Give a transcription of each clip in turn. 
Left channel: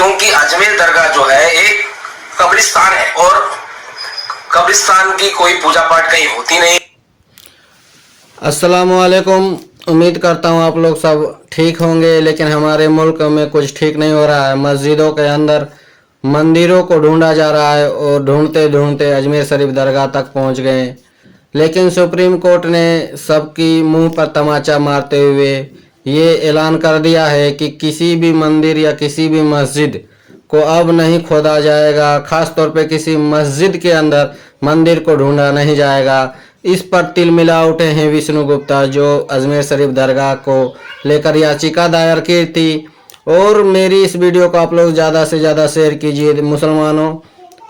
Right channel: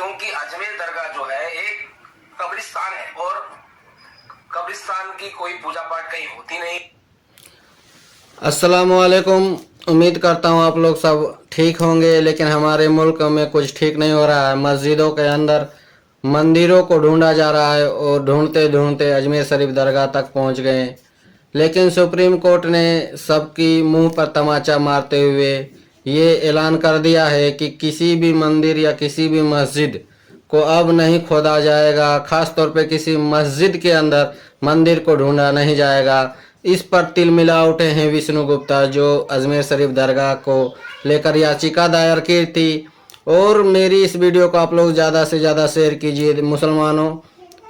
क्योंकि अजमेर दरगाह जो है एक कब्रिस्तान है और कब्रिस्तान की कोई पूजा पाठ कहीं होती नहीं। अस्सलामुअलैकुम। उम्मीद करता हूँ आप लोग सब ठीक होंगे, लेकिन हमारे मुल्क में कुछ ठीक नहीं हो रहा है। मस्जिदों के अंदर मंदिरों को ढूंढा जा रहा है और ढूंढते ढूंढते अजमेर शरीफ दरगाह तक पहुँच गए, लेकिन सुप्रीम कोर्ट ने सबकी मुंह पर तमाचा मारते हुए ये ऐलान कर दिया है कि किसी भी मंदिर या किसी भी मस्जिद को अब नहीं खोदा जाएगा। खास तौर पे किसी मस्जिद के अंदर मंदिर को ढूंढा नहीं जाएगा। इस पर तिल मिला उठे हैं विष्णु गुप्ता, जो अजमेर शरीफ दरगाह को लेकर याचिका दायर की थी। और मेरी इस वीडियो को आप लोग ज़्यादा से ज़्यादा शेयर कीजिए। मुसलमानों,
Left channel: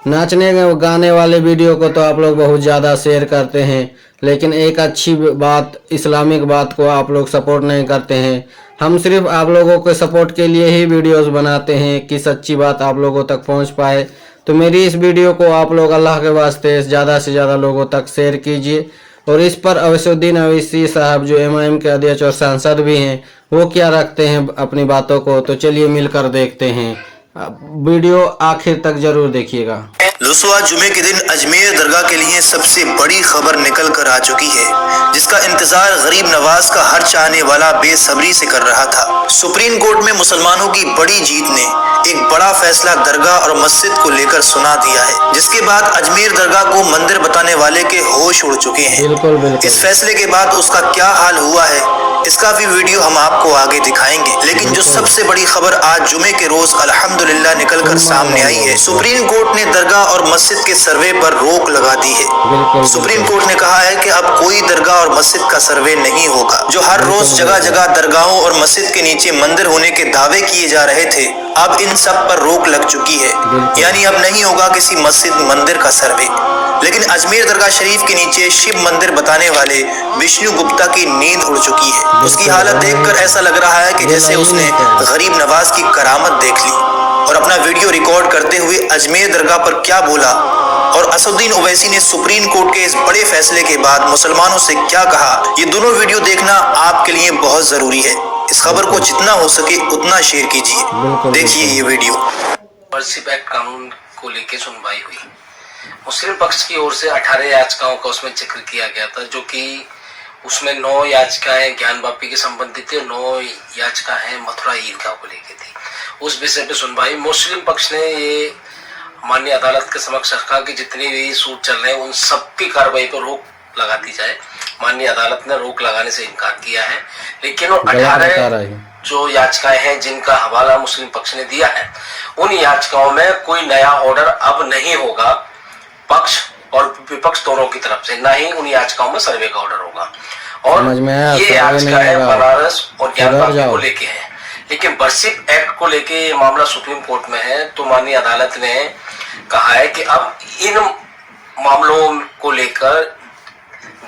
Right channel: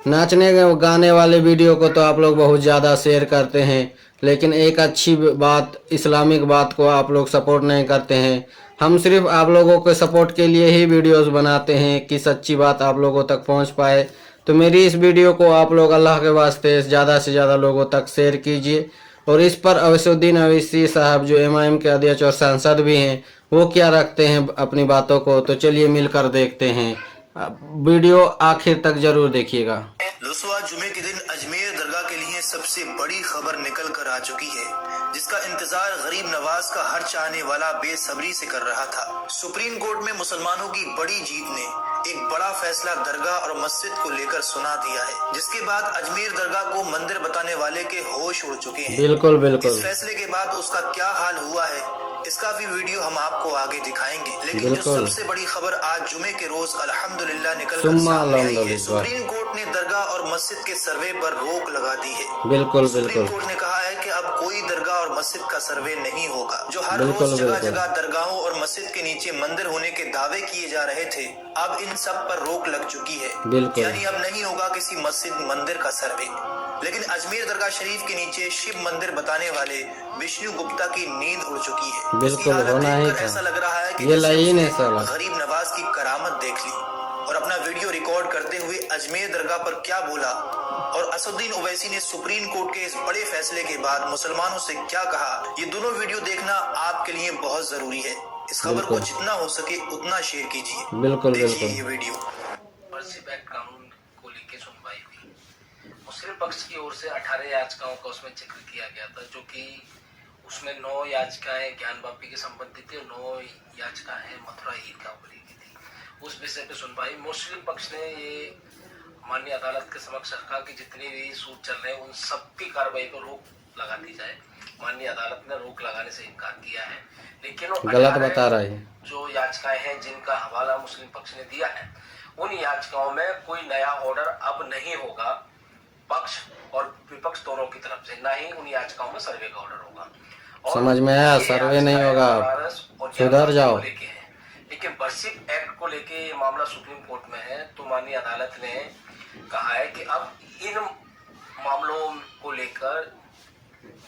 नाचने गाने वाले वीडियो को तो आप लोग बहुत ज़्यादा शेयर करते हैं, लेकिन एक अच्छी बात, इस्लामिक बात को आप लोग सपोर्ट नहीं करते हैं। हम सिर्फ आप लोगों के सपोर्ट के लिए ही वीडियोस बनाते हैं कि सच्ची बात आप लोगों तक पहुंच पाए। तो मेरी इस वीडियो को आप लोग अल्लाह के वास्ते ज़्यादा से ज़्यादा लोगों तक शेयर कीजिए। और इस पर अवैसुद्दीन अवैसी साहब, जो एमआईएम के अध्यक्ष और सांसद भी हैं, वो क्या रखते हैं अपनी बातों को, तो चलिए मिलकर देखते हैं। वीडियो आखिर तक जरूर देखिएगा। रुसवा जुमे के दिन अजमेर दरगाह के लिए सबसे बड़ी खबर निकल कर आ चुकी है, जिसका इंतजार गरीब नवाज का हर चाहने वाला बेसब्री से कर रहा था। सुप्रीम कोर्ट में मुसलमानों की बड़ी जीत ने एक बड़ा फैसला दरगाह और मस्जिद को लेकर सुना दिया है, जिसके बाद अजमेर दरगाह को मंदिर बताने वाले के होश उड़ चुके हैं। बिल्कुल। इस फैसले के बाद उसका क्या हाल हुआ है, इसका भी वीडियो हम आपको आगे दिखाएंगे। लेकिन जो सबसे बड़ी खबर आज जुमे के रोज अल्हम्दुलिल्लाह निकल कर सामने आई है, सुप्रीम कोर्ट ने दरगाह और मस्जिद के सर्वे पर रोक लगा दी है। सुप्रीम कोर्ट ने कहा है कि अब कोई दरगाह और मस्जिद का सर्वे नहीं होगा। जो हर रोज जगह जगह दरगाहों और मस्जिद के नीचे मंदिर होने के दावे किए जा रहे थे, अब इन सब पर रोक लग चुकी है। यानी अब नहीं होगा किसी मस्जिद मंदिर का सर्वे। लेकिन अजमेर दरगाह शरीफ के नीचे शिव मंदिर बताने वाले विष्णु गुप्ता की नींद उड़ चुकी है। उसकी हालत देखकर ऐसा लग रहा है कि जैसे उसने गरीब नवाज की करामत देख ली। और अपना वीडियो रिकॉर्ड करते हुए अजमेर दरगाह पर क्या बोला और असदुद्दीन ओवैसी ने सुप्रीम कोर्ट के इस बड़े फैसले के बाद मुसलमानों से क्या कहा, ये दोनों वीडियो देखना आपके लिए बहुत जरूरी है। इस खबर को जितना हो सके उतना शेयर कीजिए। देखिए ये वीडियो। वर्शिप एक्ट कानून को लेकर सुनवाई हुई। मुस्लिम पक्ष की ओर से 18 याचिकाओं का उसमें जिक्र किया गया था, जो कि उसमें 9 याचिकाएं ज्ञान वापी के संबंधित थी और 9 याचिकाएं मथुरा ईदगाह को लेकर थी। उस विषय पे सुनवाई मुस्लिम पक्ष ने ये माननीय अदालत के समक्ष रखा कि जितनी भी सूट चल रहे हैं उन सब की कार्रवाई पर रोक लगा दी जाए। माननीय अदालत ने रोक लगाने से इनकार किया है, लेकिन 18 जो याचिकाएं हैं जिनका हवाला मुस्लिम पक्ष ने दिया है, उन याचिकाओं में कोई नया ऑर्डर अब नहीं होगा पक्ष और विपक्ष दोनों की तरफ से, ना ही उन याचिकाओं में सर्वे का ऑर्डर होगा। और ये याचिकाएं बनारस और ज्ञान वापी को लेके है। लेकिन वर्शिप एक्ट को लेके ये मामला सुप्रीम कोर्ट में है, तो माननीय अदालत ने कहा है कि अब इन मामलों को लेकर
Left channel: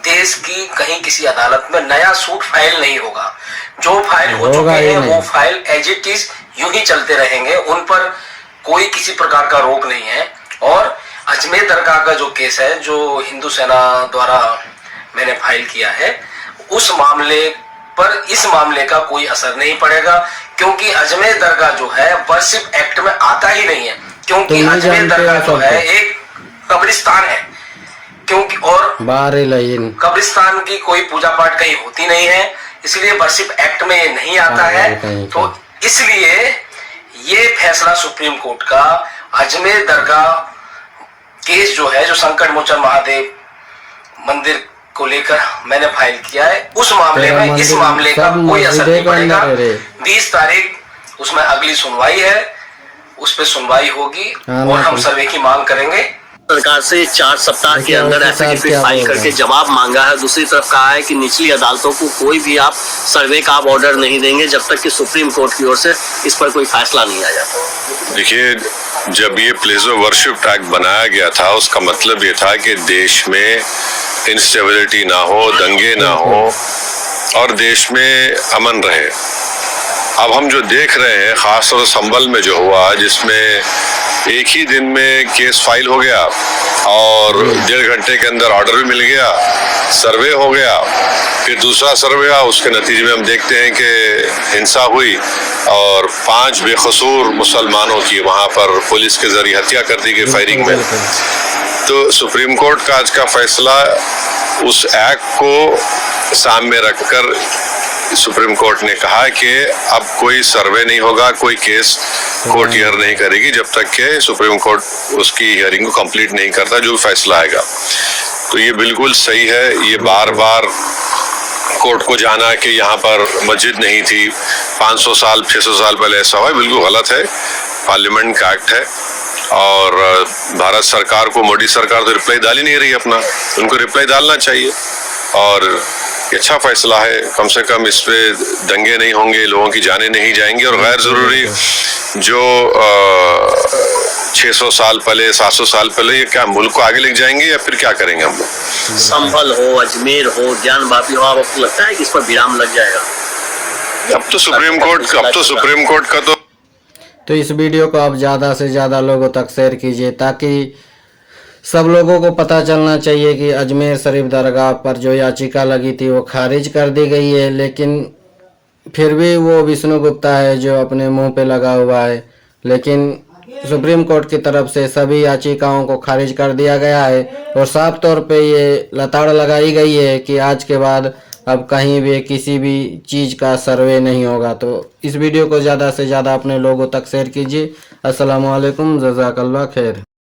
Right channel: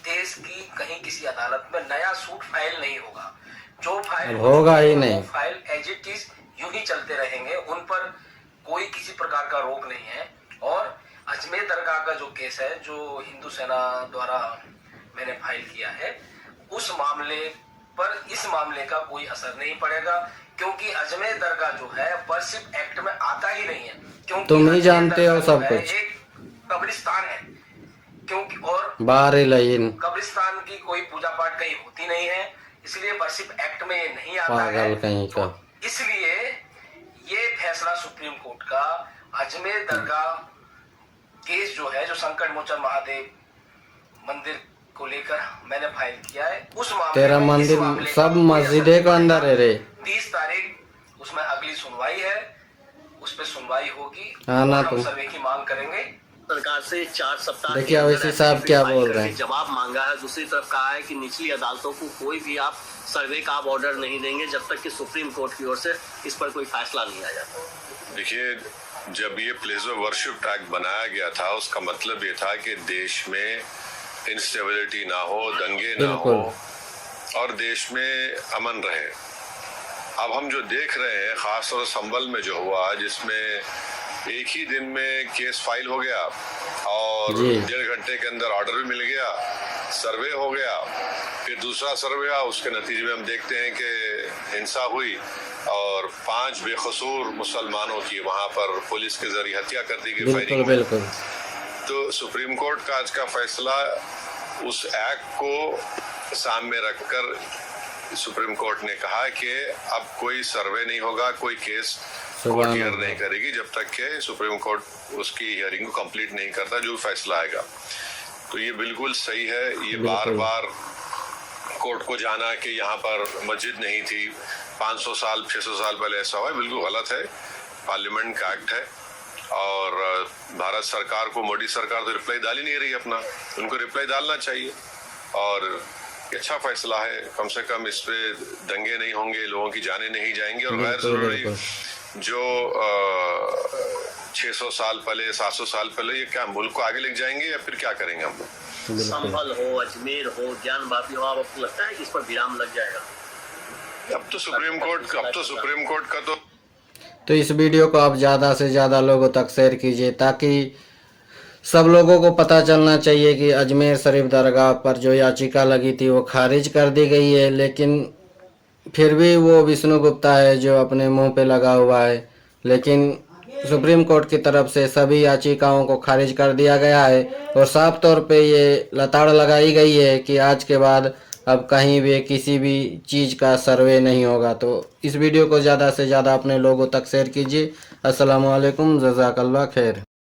देश की कहीं किसी अदालत में नया सूट फाइल नहीं होगा। जो फाइल हो चुके हैं वो फाइल एज इट इज यूं ही चलते रहेंगे, उन पर कोई किसी प्रकार का रोक नहीं है। और अजमेर दरगाह का जो केस है, जो हिंदू सेना द्वारा मैंने फाइल किया है, उस मामले पर इस मामले का कोई असर नहीं पड़ेगा, क्योंकि अजमेर दरगाह जो है वर्शिप एक्ट में आता ही नहीं है। क्योंकि अजमेर दरगाह जो है एक कब्रिस्तान है, क्योंकि और कब्रिस्तान की कोई पूजा पाठ कहीं होती नहीं है, इसलिए वर्शिप एक्ट में ये नहीं आता है। तो इसलिए ये फैसला सुप्रीम कोर्ट का अजमेर दरगाह केस जो है, जो संकट मोचन महादेव मंदिर को लेकर मैंने फाइल किया है, उस मामले में इस मामले का कोई असर नहीं पड़ेगा। 20 तारीख उसमें अगली सुनवाई है, उस पर सुनवाई होगी और हम सर्वे की मांग करेंगे। सरकार से 4 सप्ताह के अंदर एफिडेविट फाइल करके जवाब मांगा है। दूसरी तरफ कहा है कि निचली अदालतों को कोई भी आप सर्वे का आप ऑर्डर नहीं देंगे जब तक कि सुप्रीम कोर्ट की ओर से इस पर कोई फैसला नहीं आ जाता। देखिए, जब ये प्लेस ऑफ वर्शिप एक्ट बनाया गया था, उसका मतलब ये था कि देश में इंस्टेबिलिटी ना हो, दंगे ना हो और देश में अमन रहे। अब हम जो देख रहे हैं, खासतौर से संभल में जो हुआ, जिसमें एक ही दिन में केस फाइल हो गया और 1.5 घंटे के अंदर ऑर्डर भी मिल गया, सर्वे हो गया, फिर दूसरा सर्वे हुआ, उसके नतीजे में हम देखते हैं कि हिंसा हुई और 5 बेकसूर मुसलमानों की वहां पर पुलिस के जरिए हत्या कर दी गई फायरिंग में। तो सुप्रीम कोर्ट का आज का फैसला उस एक्ट को सामने रखकर सुप्रीम कोर्ट ने कहा कि अब कोई सर्वे नहीं होगा, कोई केस कोर्ट हियर नहीं करेगी जब तक कि सुप्रीम कोर्ट उसकी हियरिंग को कंप्लीट नहीं करता, जो फैसला आएगा। तो ये बिल्कुल सही है। ये बार बार कोर्ट को जाना कि यहाँ पर मस्जिद नहीं थी, 500 साल 600 साल पहले ऐसा हुआ, बिल्कुल गलत है। पार्लियामेंट का एक्ट है और भारत सरकार को, मोदी सरकार तो रिप्लाई डाल ही नहीं रही अपना, उनको रिप्लाई डालना चाहिए। और ये अच्छा फैसला है, कम से कम इस पे दंगे नहीं होंगे, लोगों की जानें नहीं जाएंगी और गैर जरूरी जो 600 साल पहले 700 साल पहले, ये क्या मुल्क को आगे लेके जाएंगे या फिर क्या करेंगे हम लोग? संभल हो, अजमेर हो, ज्ञान वापी हो, आपको लगता है कि इस पर विराम लग जाएगा? अब तो सुप्रीम कोर्ट का तो इस वीडियो को आप ज़्यादा से ज़्यादा लोगों तक शेयर कीजिए ताकि सब लोगों को पता चलना चाहिए कि अजमेर शरीफ दरगाह पर जो याचिका लगी थी वो खारिज कर दी गई है, लेकिन फिर भी वो विष्णु गुप्ता है जो अपने मुंह पे लगा हुआ है। लेकिन सुप्रीम कोर्ट की तरफ से सभी याचिकाओं को खारिज कर दिया गया है और साफ तौर पे ये लताड़ लगाई गई है कि आज के बाद अब कहीं भी किसी भी चीज़ का सर्वे नहीं होगा। तो इस वीडियो को ज़्यादा से ज़्यादा अपने लोगों तक शेयर कीजिए। अस्सलाम वालेकुम, जज़ाकल्लाह खैर।